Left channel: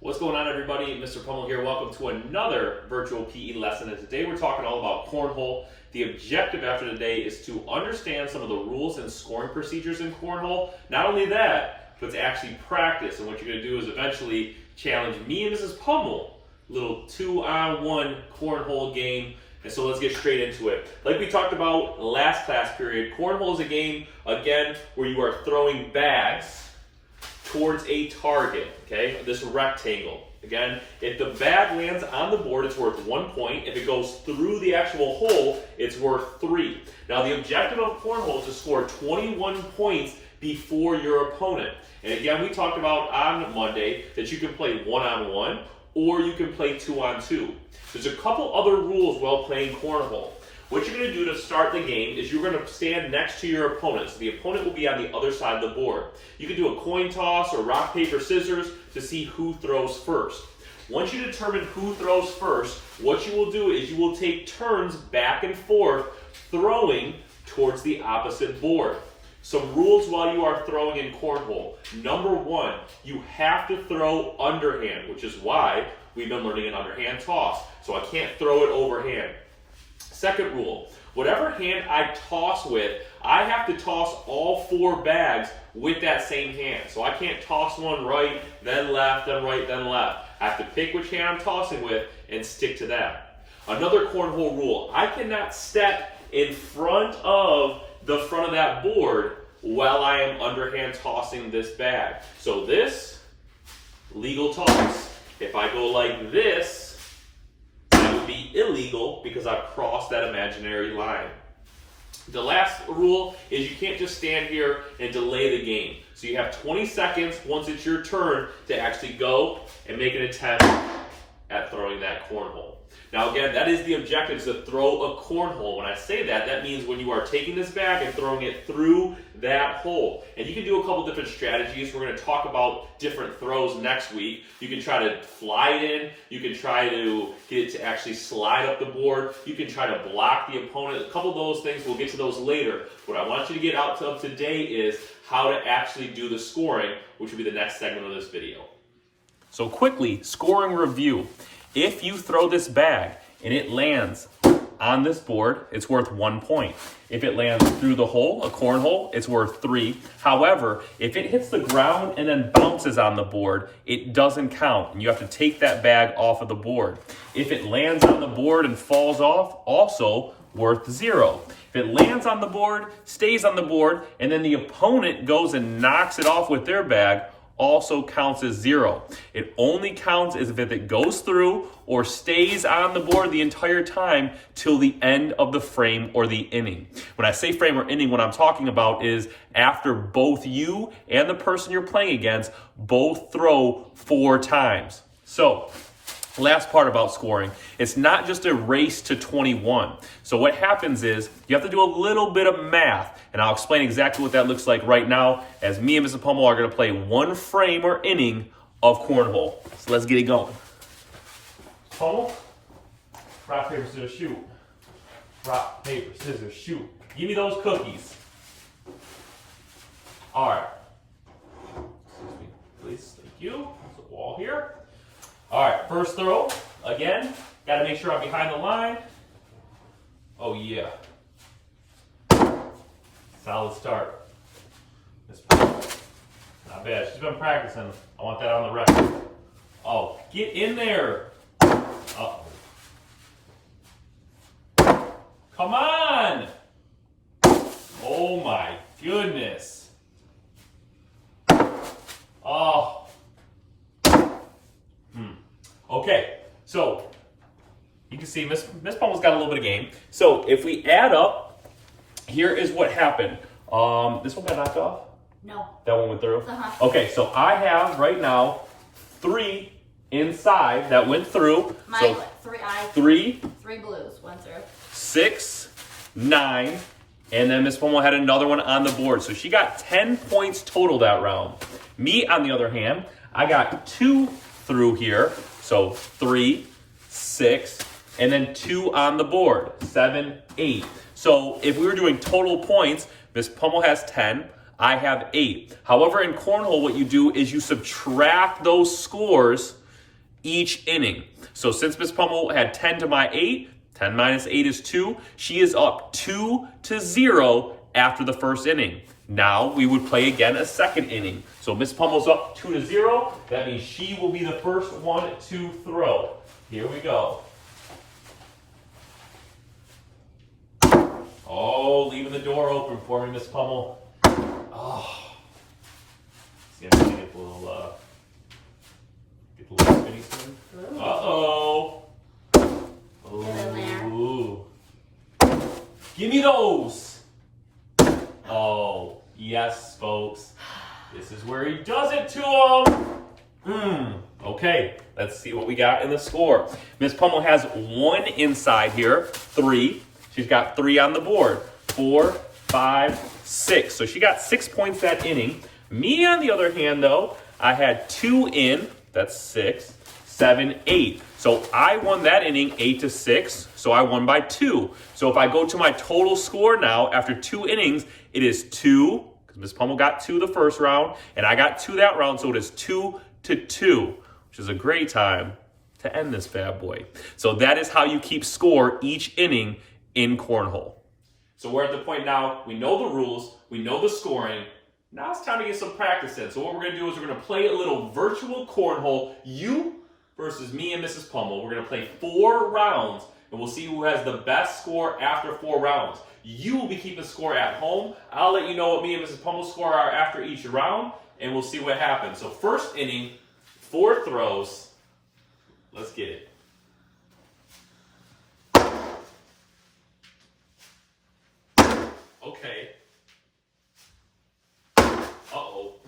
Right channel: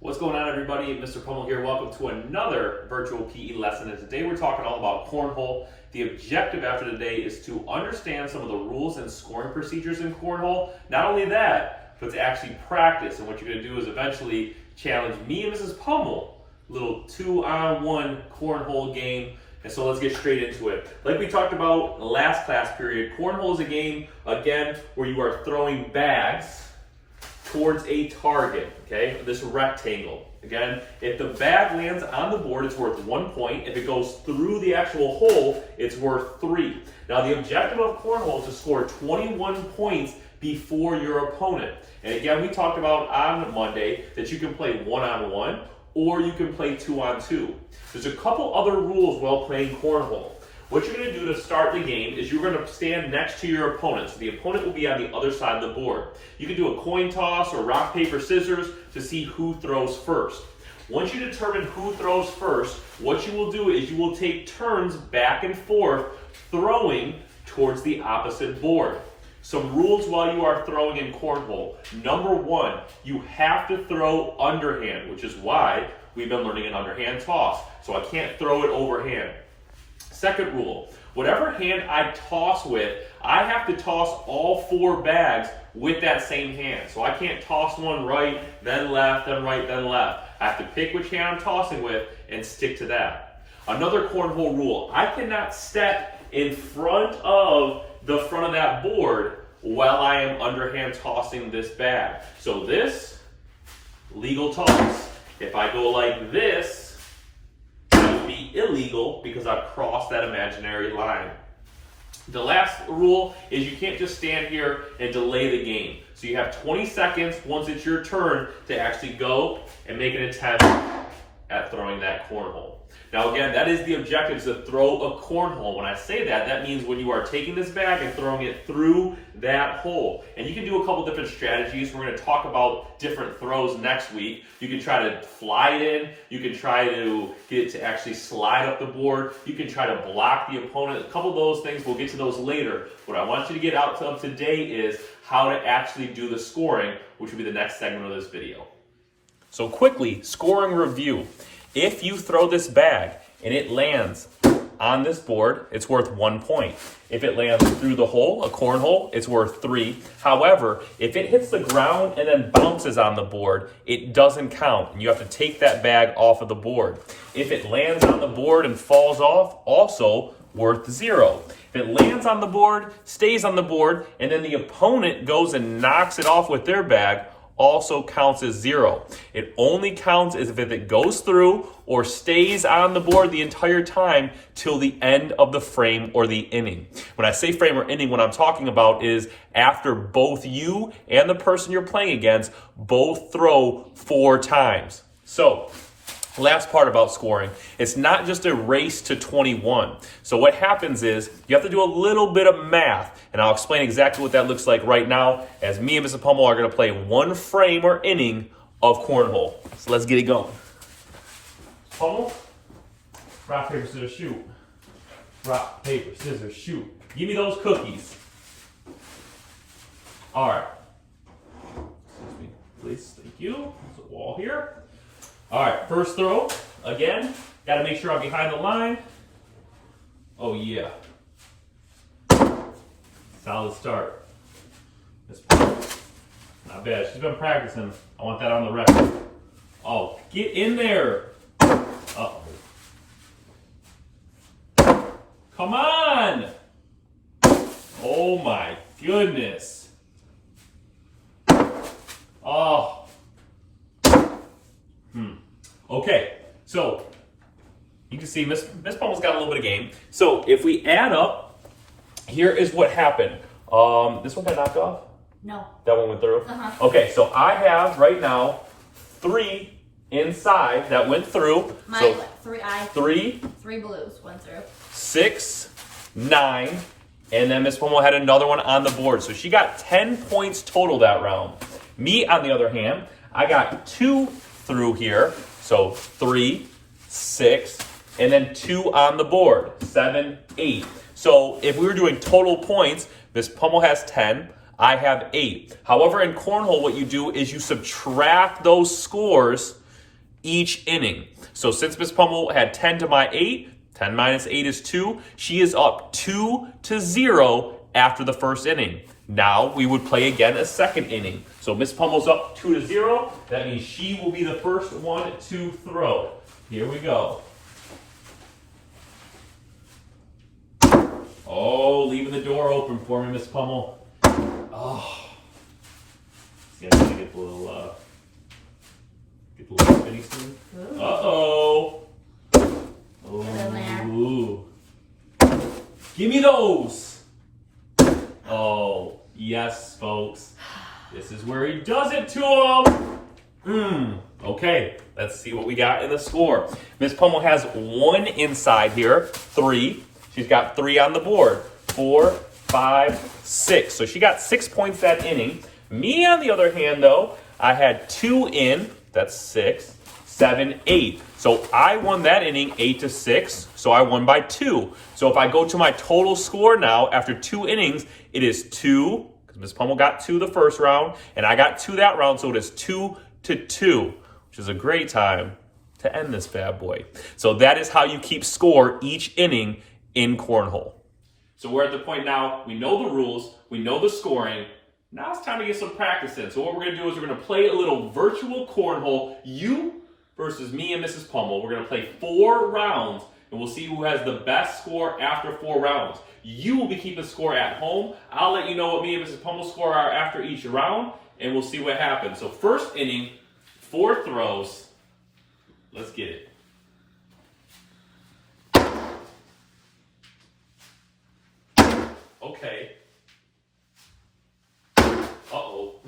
What's going on, everybody? Mr. Pummill here. Welcome to another virtual PE lesson. And today we're talking all about cornhole. The objective after today is to understand some of the rules and scoring procedures in cornhole. Not only that, but to actually practice. And what you're going to do is eventually challenge me and Mrs. Pummill, little 2-on-1 cornhole game. And so let's get straight into it. Like we talked about last class period, cornhole is a game, again, where you are throwing bags towards a target, okay? This rectangle. Again, if the bag lands on the board, it's worth 1 point. If it goes through the actual hole, it's worth 3. Now, the objective of cornhole is to score 21 points before your opponent. And again, we talked about on Monday that you can play 1-on-1 or you can play 2-on-2. There's a couple other rules while playing cornhole. What you're going to do to start the game is you're going to stand next to your opponent. So the opponent will be on the other side of the board. You can do a coin toss or rock, paper, scissors to see who throws first. Once you determine who throws first, what you will do is you will take turns back and forth throwing towards the opposite board. Some rules while you are throwing in cornhole. Number 1, you have to throw underhand, which is why we've been learning an underhand toss. So I can't throw it overhand. Second rule, whatever hand I toss with, I have to toss all 4 bags with that same hand. So I can't toss one right, then left, then right, then left. I have to pick which hand I'm tossing with and stick to that. Another cornhole rule, I cannot step in front of the front of that board while I am underhand tossing this bag. So this, legal toss. If I go like this, be illegal because I've crossed that imaginary line. The last rule is you can't just stand here and delay the game. So you have 20 seconds once it's your turn to actually go and make an attempt at throwing that cornhole. Now again, that is the objective, is to throw a cornhole. When I say that, that means when you are taking this bag and throwing it through that hole. And you can do a couple different strategies. We're going to talk about different throws next week. You can try to fly it in. You can try to get it to actually slide up the board. You can try to block the opponent. A couple of those things, we'll get to those later. What I want you to get out of today is how to actually do the scoring, which will be the next segment of this video. So quickly, scoring review. If you throw this bag and it lands on this board, it's worth 1 point. If it lands through the hole, a cornhole, it's worth 3. However, if it hits the ground and then bounces on the board, it doesn't count, and you have to take that bag off of the board. If it lands on the board and falls off, also worth 0. If it lands on the board, stays on the board, and then the opponent goes and knocks it off with their bag, also counts as 0. It only counts as if it goes through or stays on the board the entire time till the end of the frame or the inning. When I say frame or inning, what I'm talking about is after both you and the person you're playing against both throw 4 times. So, last part about scoring, it's not just a race to 21. So what happens is you have to do a little bit of math, and I'll explain exactly what that looks like right now as me and Mr. Pummill are going to play 1 frame or inning of cornhole. So let's get it going. Pummill, rock, paper, scissors, shoot. Rock, paper, scissors, shoot. Give me those cookies. All right. Excuse me, please. Thank you. There's a wall here. All right, first throw. Again, got to make sure I'm behind the line. Oh, yeah. Solid start. Not bad. She's been practicing. I want that on the record. Oh, get in there. Uh-oh. Come on. Oh, my goodness. Oh. Okay, so you can see Miss Pummill's got a little bit of game. So if we add up, here is what happened. This one got knocked off? No. That one went through? Okay, so I have right now 3 inside that went through. Mine so went 3. 3 blues went through. 6, 9, and then Miss Pummill had another one on the board. So she got 10 points total that round. Me, on the other hand, I got 2 through here. So 3, 6, and then 2 on the board, 7, 8. So if we were doing total points, Miss Pummill has 10, I have 8. However, in cornhole, what you do is you subtract those scores each inning. So since Miss Pummill had 10 to my 8, 10 minus 8 is 2. She is up 2-0 after the first inning. Now we would play again a second inning. So Miss Pummill's up 2-0. That means she will be the first one to throw. Here we go. Oh, leaving the door open for me, Miss Pummill. Oh. Yeah, I'm gonna get the little spinny thing. Uh-oh. Oh. Give me those. Oh, yes, folks. This is where he does it to him. Okay, let's see what we got in the score. Miss Pummill has 1 inside here, 3. She's got 3 on the board, 4, 5, 6. So she got 6 points that inning. Me, on the other hand, though, I had 2 in. That's 6, 7, 8. So I won that inning 8-6. So I won by 2. So if I go to my total score now after 2 innings, it is 2. Because Miss Pummill got 2 the first round, and I got 2 that round. So it is 2-2, which is a great time to end this bad boy. So that is how you keep score each inning in Cornhole. So we're at the point now, we know the rules, we know the scoring. Now it's time to get some practice in. So what we're going to do is we're going to play a little virtual Cornhole. You versus me and Mrs. Pummill. We're going to play 4 rounds, and we'll see who has the best score after 4 rounds. You will be keeping score at home. I'll let you know what me and Mrs. Pummill's score are after each round, and we'll see what happens. So first inning, 4 throws. Let's get it. Okay. Uh-oh.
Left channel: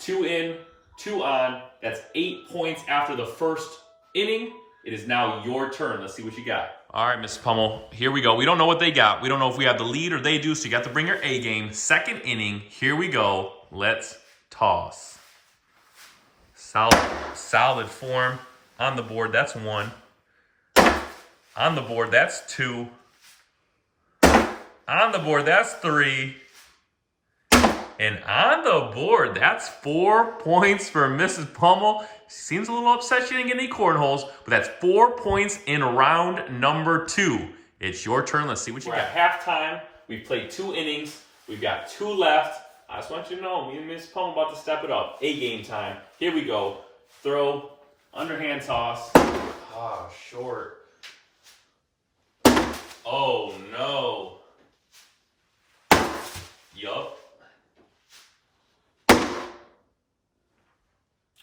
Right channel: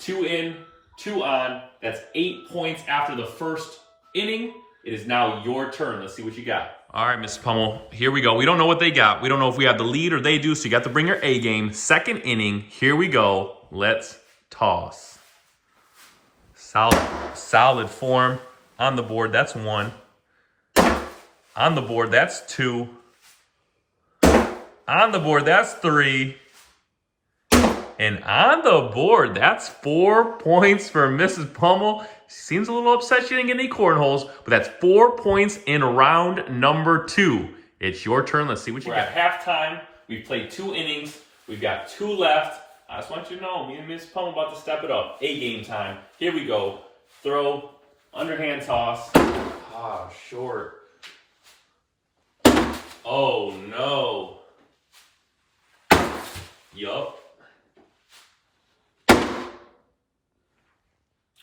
2 in, 2 on. That's 8 points after the first inning. It is now your turn. Let's see what you got. All right, Miss Pummill, here we go. We don't know what they got. We don't know if we have the lead or they do, so you got to bring your A game. Second inning, here we go. Let's toss. Solid form on the board. That's 1. On the board, that's 2. On the board, that's 3. And on the board, that's 4 points for Mrs. Pummill. She seems a little upset she didn't get any cornholes, but that's 4 points in round number 2. It's your turn. Let's see what you got. We're at halftime. We've played 2 innings. We've got 2 left. I just want you to know, me and Mrs. Pummill about to step it up. A game time. Here we go. Throw, underhand toss. Ah, short. Oh, no. Yup.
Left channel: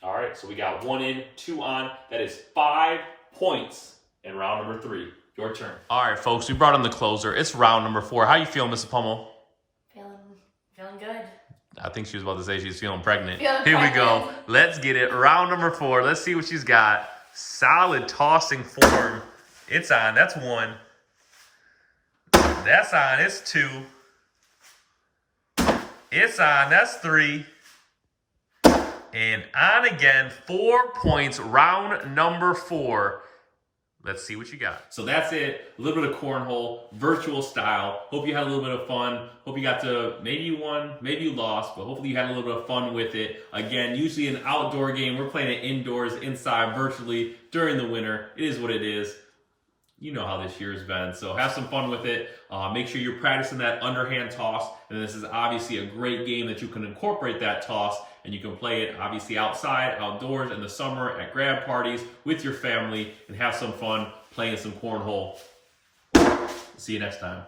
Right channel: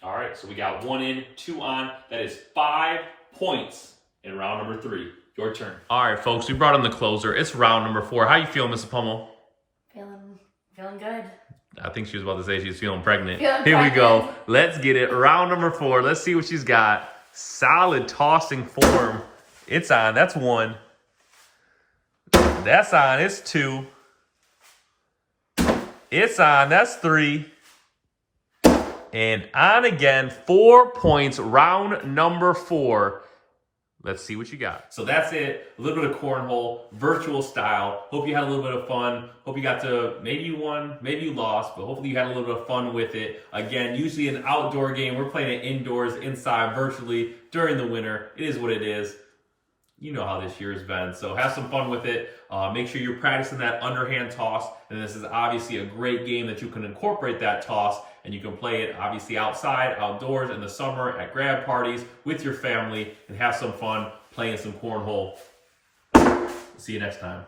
All right, so we got 1 in, 2 on. That is 5 points in round number 3. Your turn. All right, folks, we brought in the closer. It's round number 4. How you feeling, Mrs. Pummel? Feeling good. I think she was about to say she's feeling pregnant. Here we go. Let's get it. Round number 4. Let's see what she's got. Solid tossing form. It's on. That's 1. That's on. It's 2. It's on. That's 3. And on again. 4 points. Round number 4. Let's see what you got. So that's it. A little bit of cornhole, virtual style. Hope you had a little bit of fun. Hope you got to, maybe you won, maybe you lost, but hopefully you had a little bit of fun with it. Again, usually an outdoor game. We're playing it indoors, inside, virtually during the winter. It is what it is. You know how this year has been. So have some fun with it. Make sure you're practicing that underhand toss. And this is obviously a great game that you can incorporate that toss. And you can play it obviously outside, outdoors, in the summer, at grad parties, with your family, and have some fun playing some cornhole. See you next time.